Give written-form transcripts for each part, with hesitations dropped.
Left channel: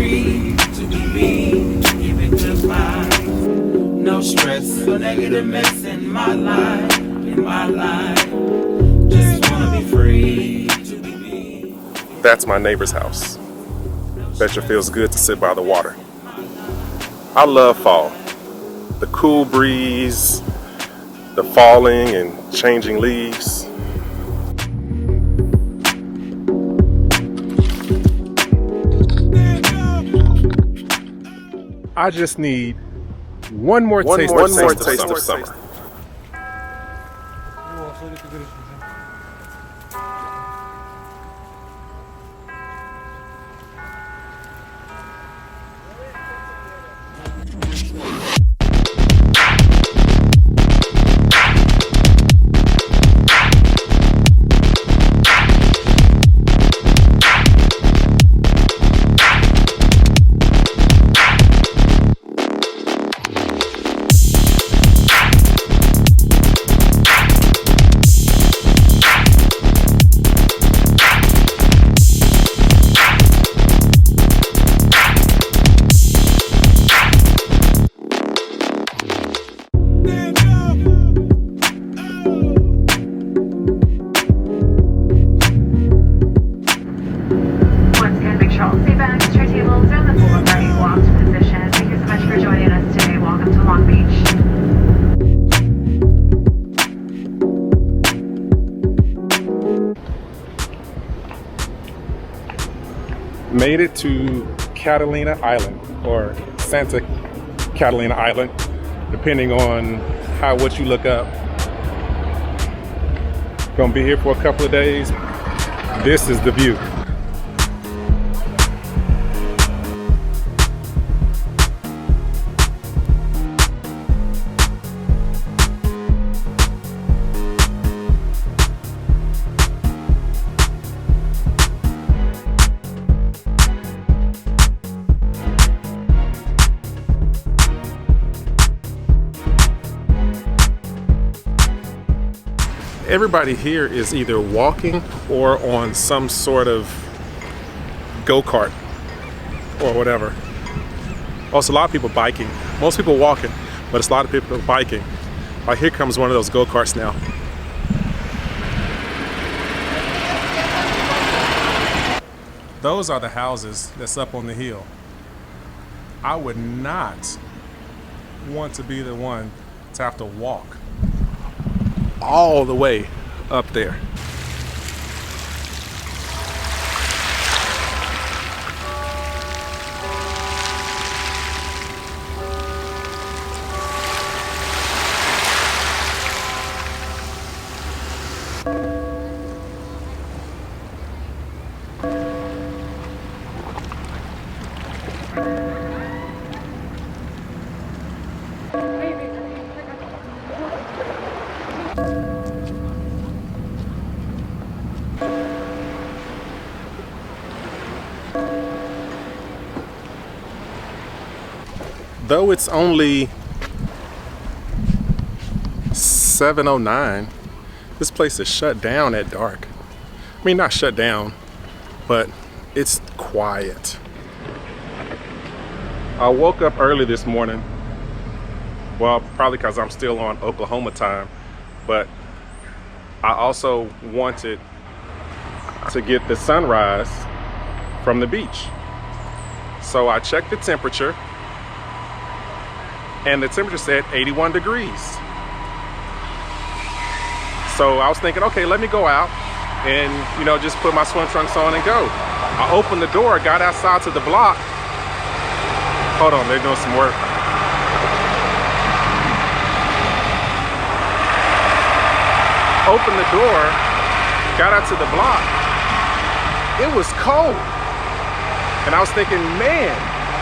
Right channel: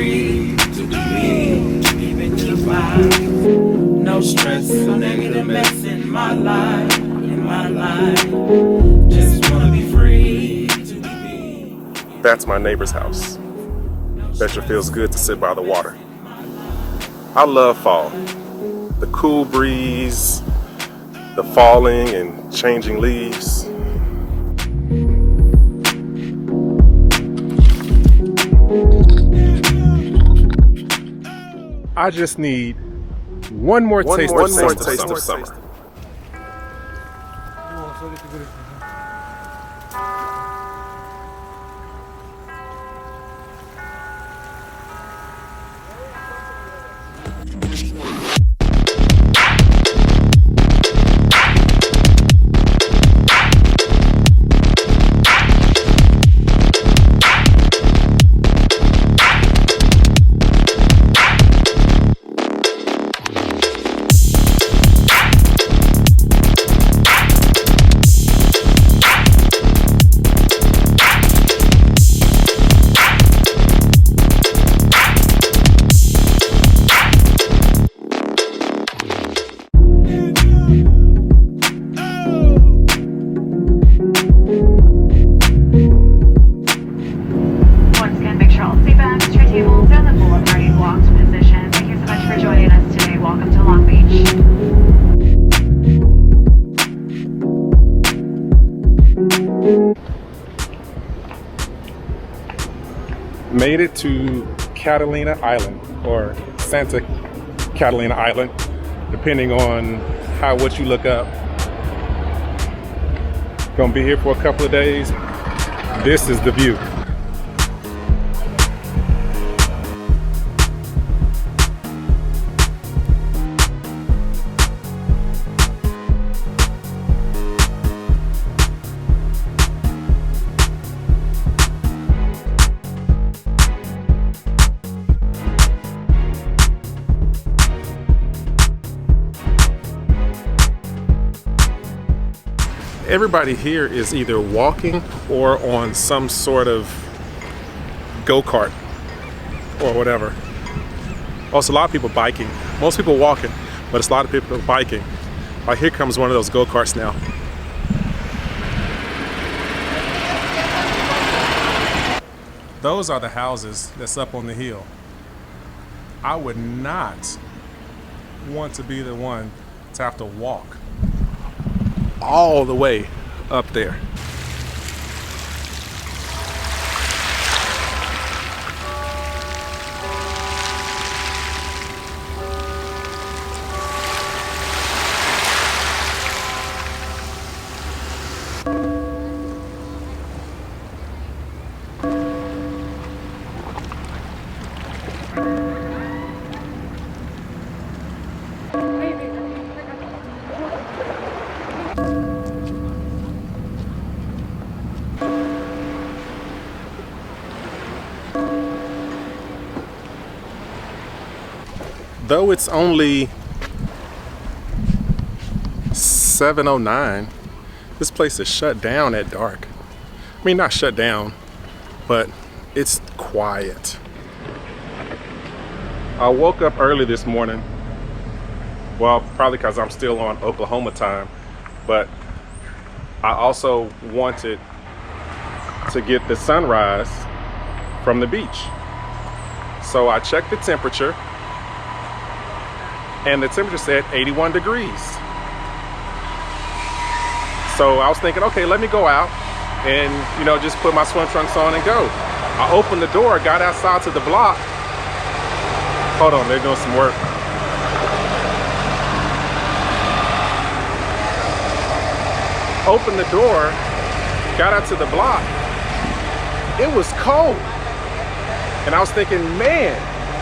free to be me, give it good vibes. No stress or negative mess in my life, Just wanna be free to be me. That's my neighbor's house. Bet you feels good to sit by the water. I love fall. The cool breeze, the falling and changing leaves. I just need one more taste of summer. Made it to Catalina Island, or Santa Catalina Island, depending on what you look up. Gonna be here for a couple of days. This is the view. Everybody here is either walking or on some sort of go-kart or whatever. Also, a lot of people biking. Most people walking, but it's a lot of people biking. Like, here comes one of those go-karts now. Those are the houses that's up on the hill. I would not want to be the one to have to walk all the way up there. Though it's only 7:09, this place is shut down at dark. I mean, not shut down, but it's quiet. I woke up early this morning. Well, probably because I'm still on Oklahoma time, but I also wanted to get the sunrise from the beach. So I checked the temperature, and the temperature said 81 degrees. So I was thinking, okay, let me go out and, just put my swim trunks on and go. I opened the door, got outside to the block. Hold on, they're doing some work. Opened the door, got out to the block. It was cold. And I was thinking, man,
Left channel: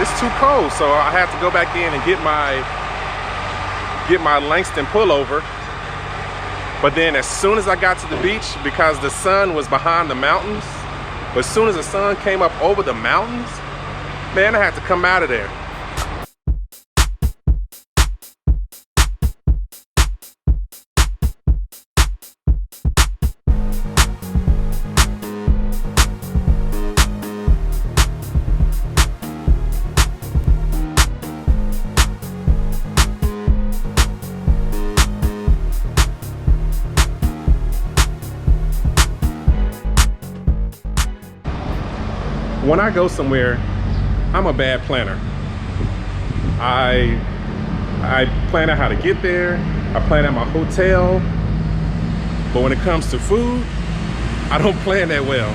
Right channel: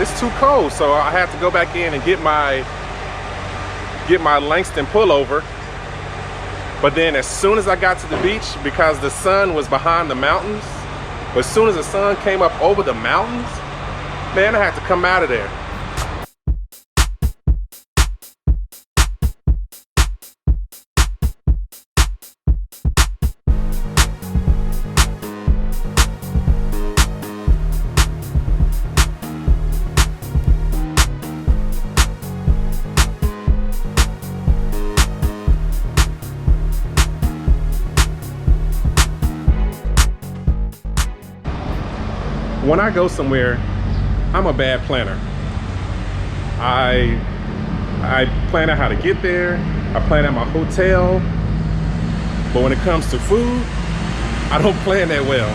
it's too cold. So I had to go back in and get my Langston pullover. But then as soon as I got to the beach, because the sun was behind the mountains, but as soon as the sun came up over the mountains, man, I had to come out of there. when I go somewhere, I'm a bad planner. I plan out how to get there. I plan out my hotel. But when it comes to food, I don't plan that well,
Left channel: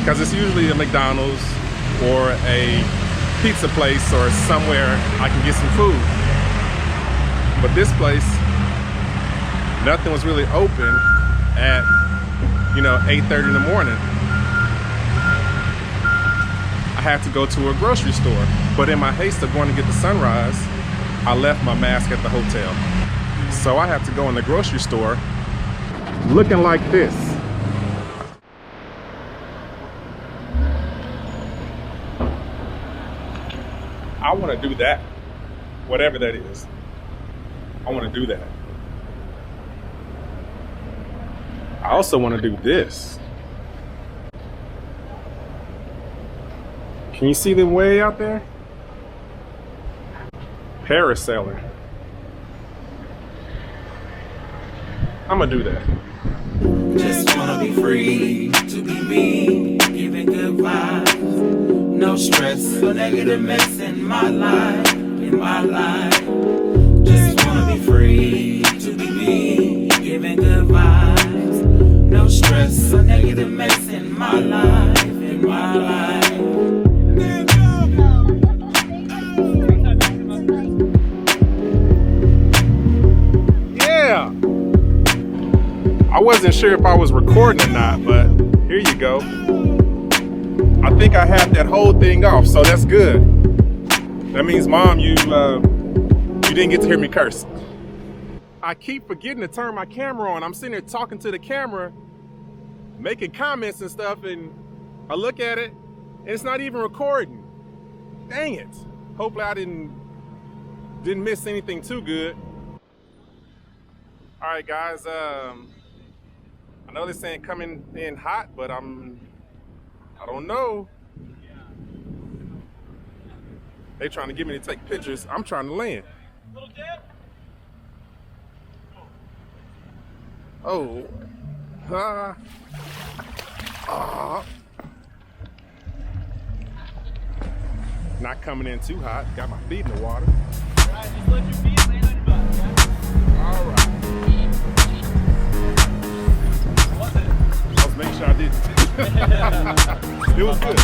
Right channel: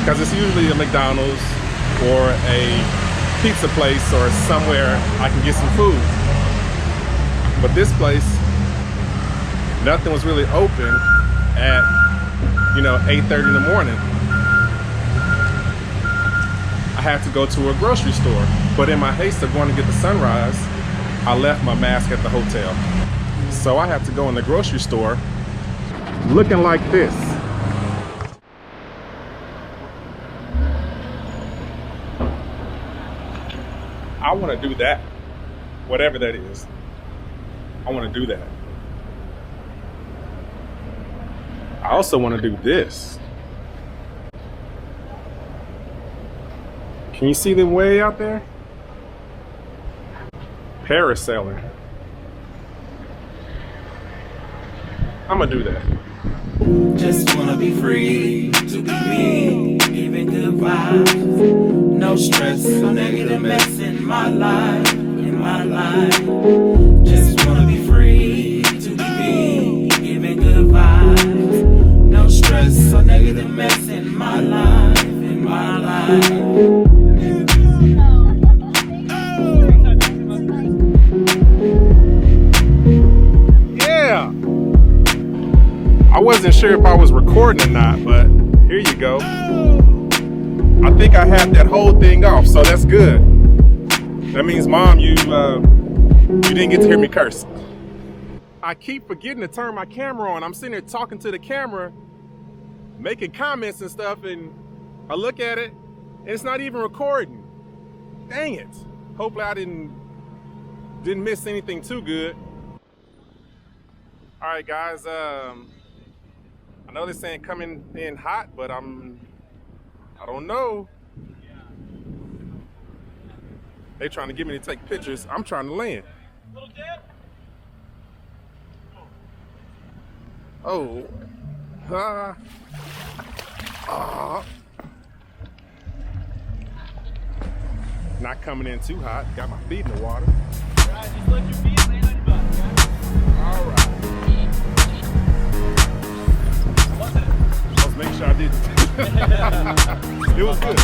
because it's usually a McDonald's or a pizza place or somewhere I can get some food. But this place, nothing was really open at 8:30 in the morning. I had to go to a grocery store, but in my haste of going to get the sunrise, I left my mask at the hotel. So I have to go in the grocery store looking like this. I want to do that, whatever that is. I want to do that. I also want to do this. Can you see them way out there? Parasailing. I'm gonna do that. Just wanna be free to be me, giving good vibes. No stress or negative mess in my life, Just wanna be free to be me, giving good vibes. No stress or negative mess in my life, Yeah. I wasn't sure if I was recording or not, but here you go. I think I had that whole thing off, so that's good. That means, Mom, you didn't get to hear me curse. I keep forgetting to turn my camera on. I'm sitting there talking to the camera, making comments and stuff, and I look at it, and it's not even recording. Dang it. Hopefully I didn't miss anything too good. All right, guys. I know they're saying coming in hot, but I don't know. They trying to get me to take pictures. I'm trying to land. Oh. Not coming in too hot. Got my feet in the water. All right, just let your feet land on your butt, okay? All right. I was making sure I did. It was good.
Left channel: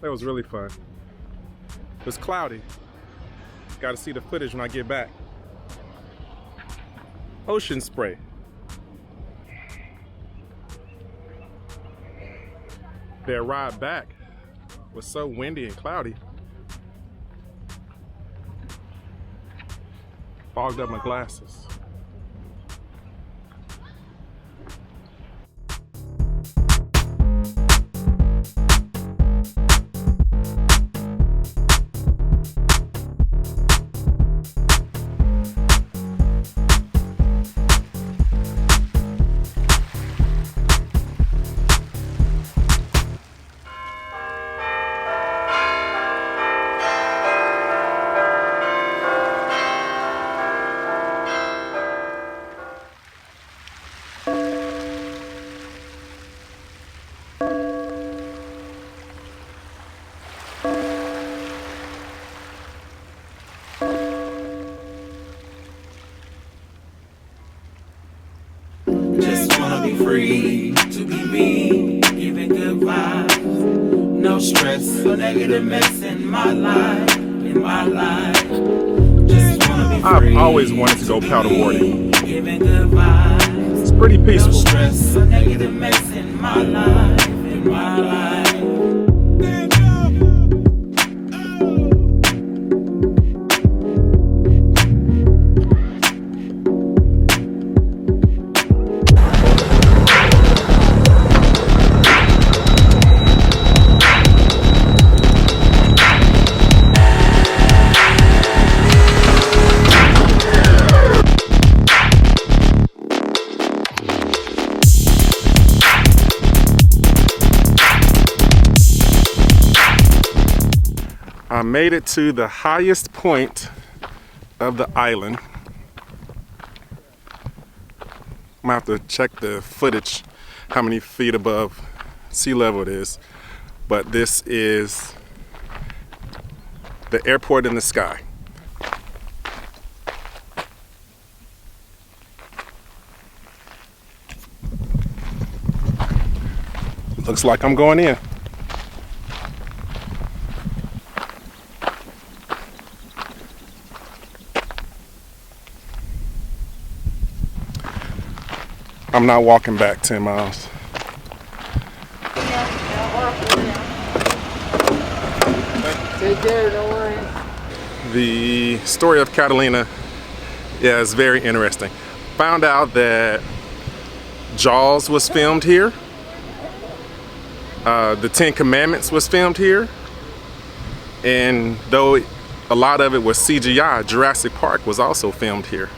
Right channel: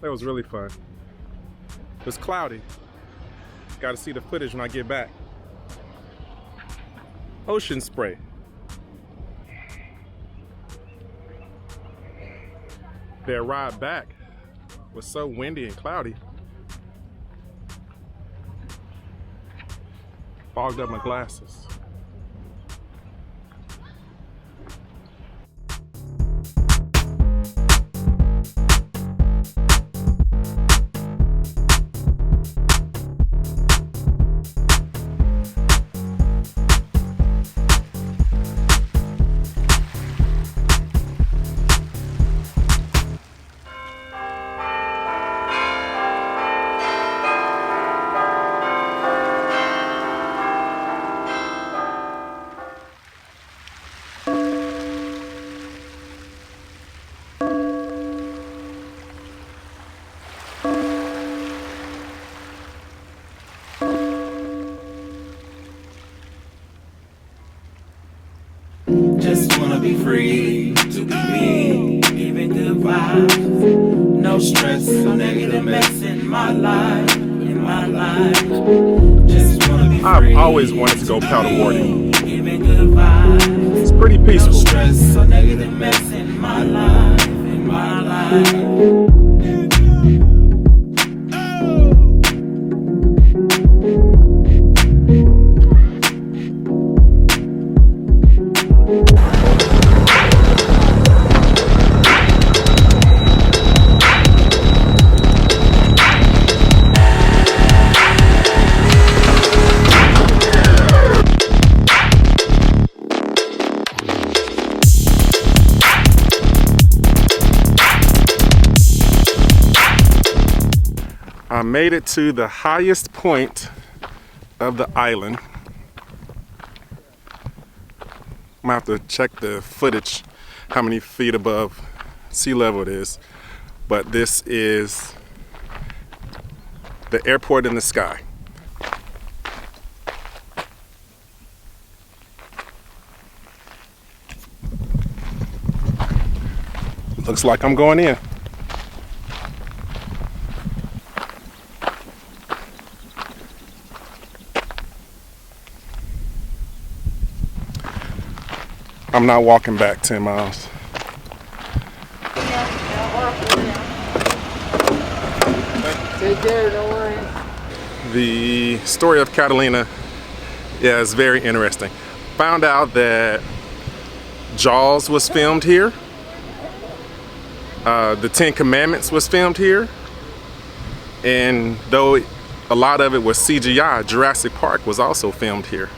That was really fun. It was cloudy. Got to see the footage when I get back. Ocean spray. Their ride back was so windy and cloudy. Fogged up my glasses. Free to be me, giving good vibes. No stress or negative mess in my life, Just wanna be free. I've always wanted to go paddleboarding. Giving good vibes. It's pretty peaceful. No stress or negative mess in my life, I made it to the highest point of the island. I'm gonna have to check the footage, how many feet above sea level it is. But this is the airport in the sky. Looks like I'm going in. I'm not walking back 10 miles. Take care, don't worry. The story of Catalina is very interesting. Found out that Jaws was filmed here. The 10 Commandments was filmed here. And though a lot of it was CGI, Jurassic Park was also filmed here.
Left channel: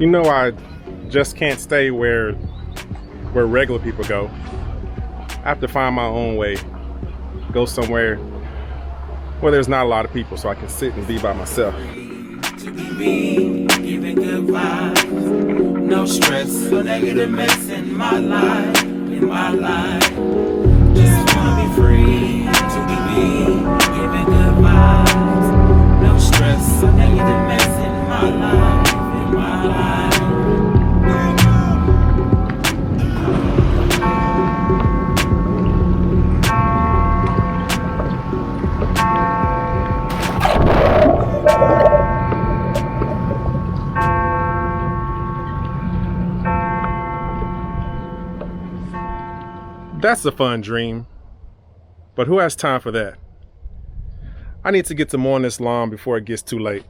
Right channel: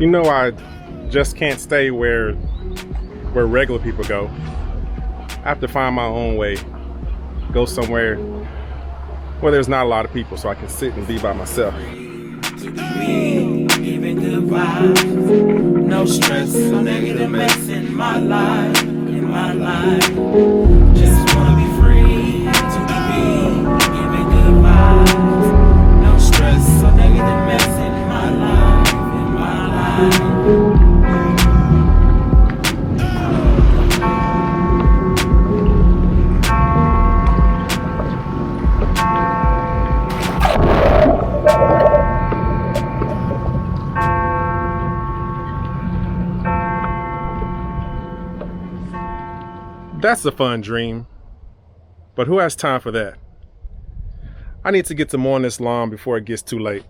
You know, I just can't stay where regular people go. I have to find my own way. Go somewhere where there's not a lot of people so I can sit and be by myself. To be me, giving good vibes. No stress, no negative mess in my life, in my life. Just wanna be free to be me, giving good vibes. No stress, no negative mess in my life, in my life. That's a fun dream, but who has time for that? I need to get to mowing this lawn before it gets too late.